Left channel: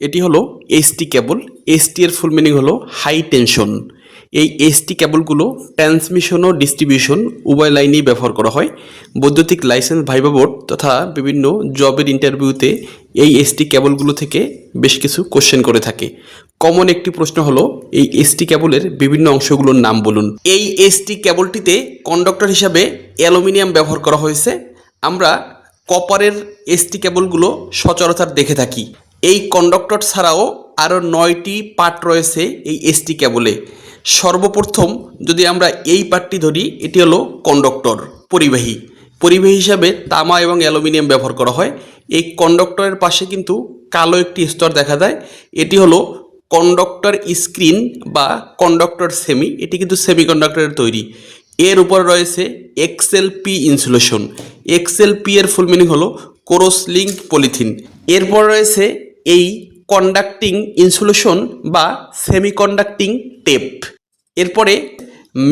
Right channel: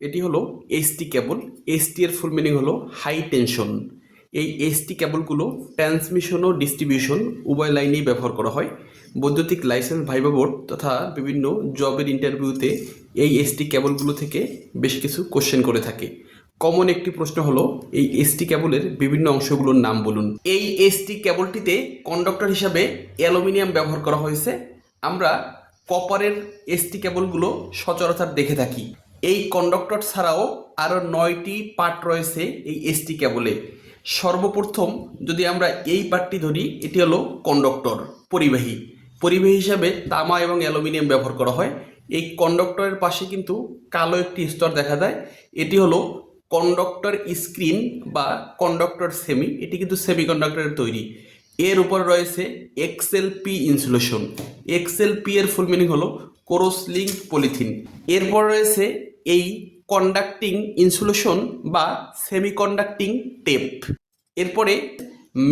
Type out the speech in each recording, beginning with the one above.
এটি হলো ST cable ST এর ফুল মিনিং হলো হাই টেনশন এই এসটি কেবলগুলো ট্রান্সমিশন ও ডিস্ট্রিবিউশন উভয় লাইনেই ব্যবহার করা হয়। বৈদ্যুতিক লাইসেন্স ভাইবা বোর্ড তথা বিভিন্ন জবের ইন্টারভিউতে এই এসটি কেবলগুলো থেকে বেশ কিছু কোশ্চেন করে থাকে। কমন একটি প্রশ্ন হলো, এই এসটি কেবলের বিভিন্ন অংশগুলোর নাম বলুন। এই এসটি কেবলটিতে কন্ডাক্টর হিসাবে অ্যালুমিনিয়াম ব্যবহার করা হয়েছে। আমরা কপারের এসটি কেবলগুলো সচরাচর দেখে থাকি। এই কন্ডাক্টর ছাড়াও আরও নয়টি পার্ট রয়েছে এই এসটি কেবলে সর্বপ্রথম যদি আমরা এই পার্টটি ধরি, এটি হলো কন্ডাক্টর পরিবাহী। পরিবাহী হিসাবে তামা এবং অ্যালুমিনিয়াম ব্যবহার করা হয়। এই কন্ডাক্টরের পাশে কিন্তু কালো একটি স্তর দেখা যায়। এটি হলো কন্ডাক্টর স্ক্রিন বা কন্ডাক্টর সেমি এটি কিন্তু সেমি কন্ডাক্টরের তৈরি। এর উপর রয়েছে XL P insulation XL P এর ফুল মিনিং হলো কোরোস লিঙ্ক পলিথিন এরপর রয়েছে এই কন্ডাক্টিং ইনসুলেশন বা সেমি কন্ডাক্টিং টেপ এরপরে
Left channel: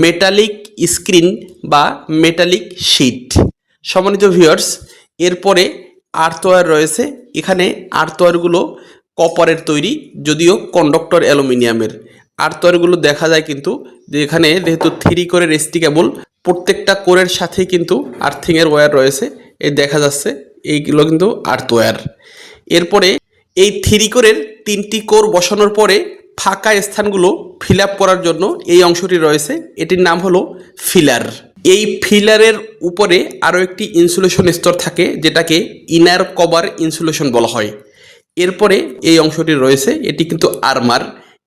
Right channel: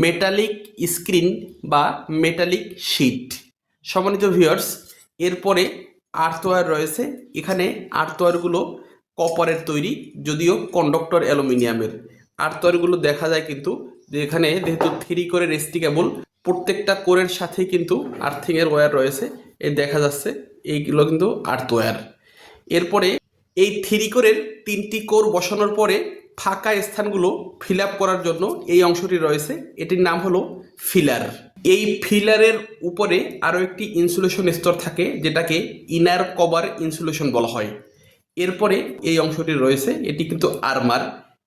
মেটালিক স্ক্রিন বা মেটালিক শিট সম্মানিত ভিউয়ার্স এরপরে আর্থওয়্যার রয়েছে। এখানে আর্থওয়্যারগুলো কপারের তৈরি, যদিও কন্ডাক্টর অ্যালুমিনিয়ামের। আর্থওয়্যারগুলো দেখা যায় কিন্তু যে এখানে যেহেতু থ্রি করে রেস্টি কেবল প্রত্যেকটা কোরের সাথেই কিন্তু আর্থিংয়ের ওয়্যার রয়েছে। এই দেখা যাচ্ছে, এইগুলো কিন্তু আর্থওয়্যার এরপরে এই থ্রি কোরের তিনটি কোর বসানোর পরে ফাঁকা স্থানগুলো ফিল করার জন্য এই অংশটি রয়েছে। এটির নাম হলো ফিলার। এই ফিলারের উপরে আরও একটি ইনসুলেশন স্তর থাকে, যেটাকে ইনার কভার ইনসুলেশন বলা হয়। এরপরে এই অংশটি রয়েছে, এটি কিন্তু আর্মার।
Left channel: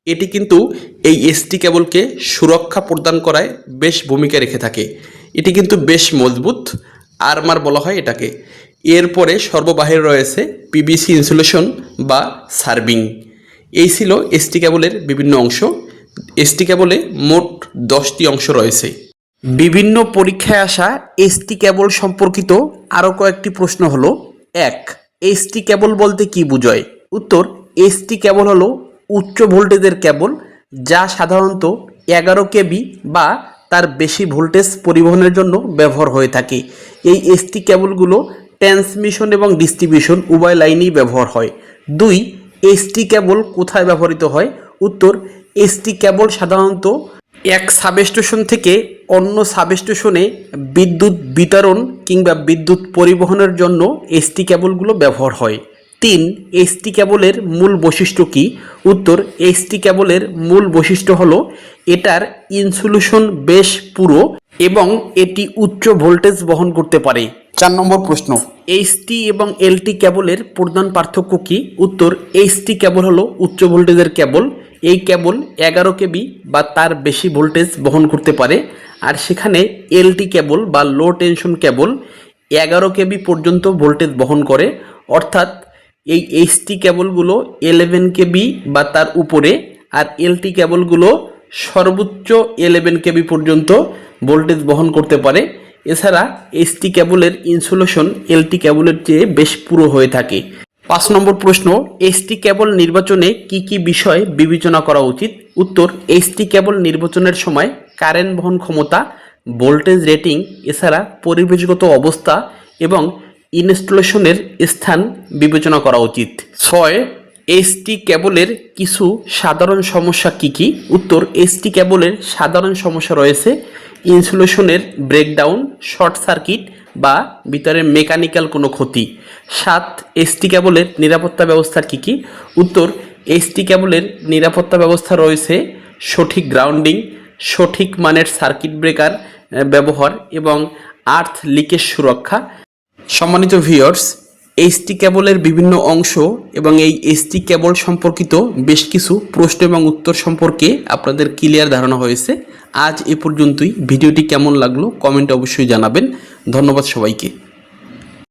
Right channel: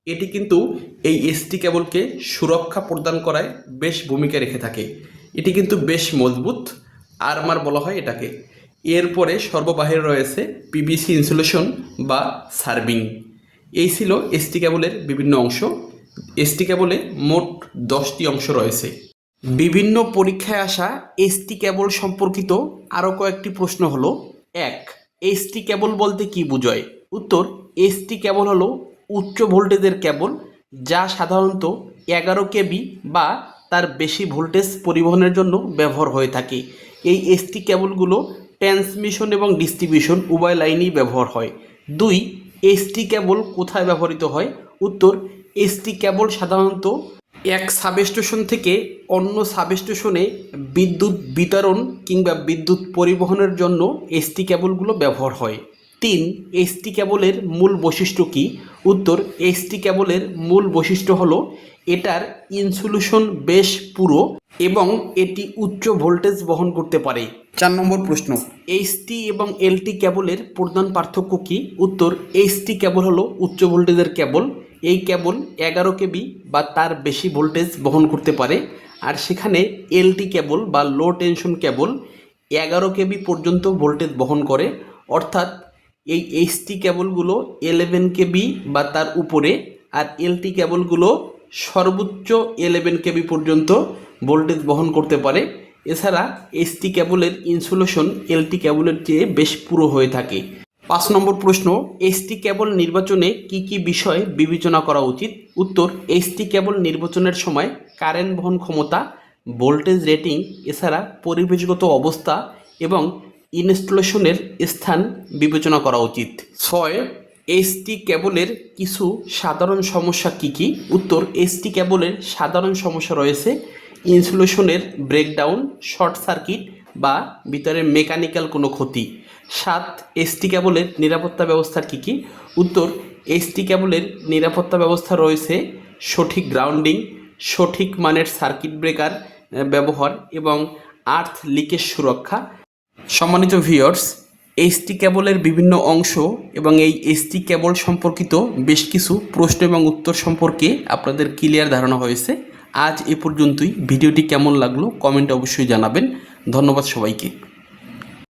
এটি কিন্তু এই এসটি কেবলকে সুরক্ষা প্রদান করায় বেশ ভূমিকা রেখে থাকে। এটি কিন্তু বেশ মজবুত, আর্মার বলা হয় এটাকে। এরপরে সর্ববাহির রয়েছে পিবিসি ইনসুলেশন বা সার্ভিং এই ছিল এসটি কেবলের বিভিন্ন অংশ। এসটি কেবলে মোট দশটি অংশ রয়েছে। বিভিন্ন পরীক্ষায় আসা এসটি কেবল সম্পর্কিত আরও কয়েকটি প্রশ্ন হলো, এক এসটি কেবল বলতে কি বোঝায়? উত্তর এসটি কেবল হলো উচ্চ ভোল্টেজের কেবল যা সাধারণত এগারো কেবি বা তার বেশি ভোল্টেজ পরিবহনের জন্য ব্যবহার হয়ে থাকে। এই এসটি কেবলগুলো ট্রান্সমিশন এবং ডিস্ট্রিবিউশন উভয় লাইনেই ব্যবহার হয়। দুই এসটি কেবল কোথায় ব্যবহৃত হয়? উত্তর এসটি কেবল সাধারণত এক সাবস্টেশন থেকে অন্য সাবস্টেশনে বিদ্যুৎ বিতরণ কিংবা বিদ্যুৎ পরিবহনের জন্য এসটি কেবলগুলো ব্যবহার হয়। তিন এসটি কেবলের মূল বৈশিষ্ট্য কি? উত্তর এসটি কেবলের মূল বৈশিষ্ট্য হলো এটার ইনসুলেশন বেশ পুরো এবং এটি উচ্চ ভোল্টেজ বহন করতে পারে। চার নম্বর প্রশ্ন। এইচটি এবং এলটি কেবলের প্রধান পার্থক্য কি? উত্তর এইচটি কেবল হলো উচ্চ ভোল্টেজের কেবল। এই কেবল এগারো কেবি বা তার বেশি ভোল্টেজ বহন করতে পারে। আর সেখানে এলটি কেবল বা লো টেনশন কেবল এগারো কেবি পর্যন্ত ভোল্টেজ বহন করে। অর্থাৎ এই এইচটি কেবলগুলো এলেভেন কেবি বা তার উপরে আর এলটি কেবলগুলো সর্বোচ্চ এলেভেন কেবি পর্যন্ত ভোল্টেজ বহন করতে পারে। এছাড়া এসটি ক্যাবলের ইনসুলেশন এলটি কেবলের চেয়ে বেশ পুরো হয়ে থাকে। পাঁচ নম্বর প্রশ্ন এসটি কেবল নির্বাচনে কি কি বিষয় বিবেচনা করা উচিত? উত্তর এসটি কেবল নির্বাচনের সময় কারেন্ট বহন ক্ষমতা ভোল্টেজ রেটিং এছাড়া পরিবেশগত অবস্থা এবং ইনস্টলেশনের স্থান বিবেচনা করা উচিত। ছয় এসটি কেবলের কিছু সাধারণ সমস্যা কি কি? উত্তর এসটি কেবলের সাধারণ সমস্যা রয়েছে ইনসুলেশনের ব্রেকডাউন, শর্ট সার্কিট বা ভিতরে মেকানিক্যাল কোনো ক্ষতি। সাত, এসটি কেবলের নিরাপত্তা ব্যবস্থা কি কি? উত্তর, এসটি কেবলের নিরাপত্তা ব্যবস্থা রয়েছে, সঠিক গ্রাউন্ডিং, সঠিক মানের সার্কিট ব্রেকার ব্যবহার এবং আর্থ লিকেজ সুরক্ষা। সম্মানিত ভিউয়ার্স এইচটি কেবলের বিভিন্ন অংশ এবং এই এইচটি কেবল সম্পর্কিত বেশ কিছু প্রশ্ন এবং উত্তর সম্পর্কে আপনাদের ক্লিয়ার ধারণা হয়েছে। আজ এ পর্যন্তই। ভিডিওটি কেমন লাগল কমেন্টে অবশ্যই জানাবেন। ধন্যবাদ সবাইকে।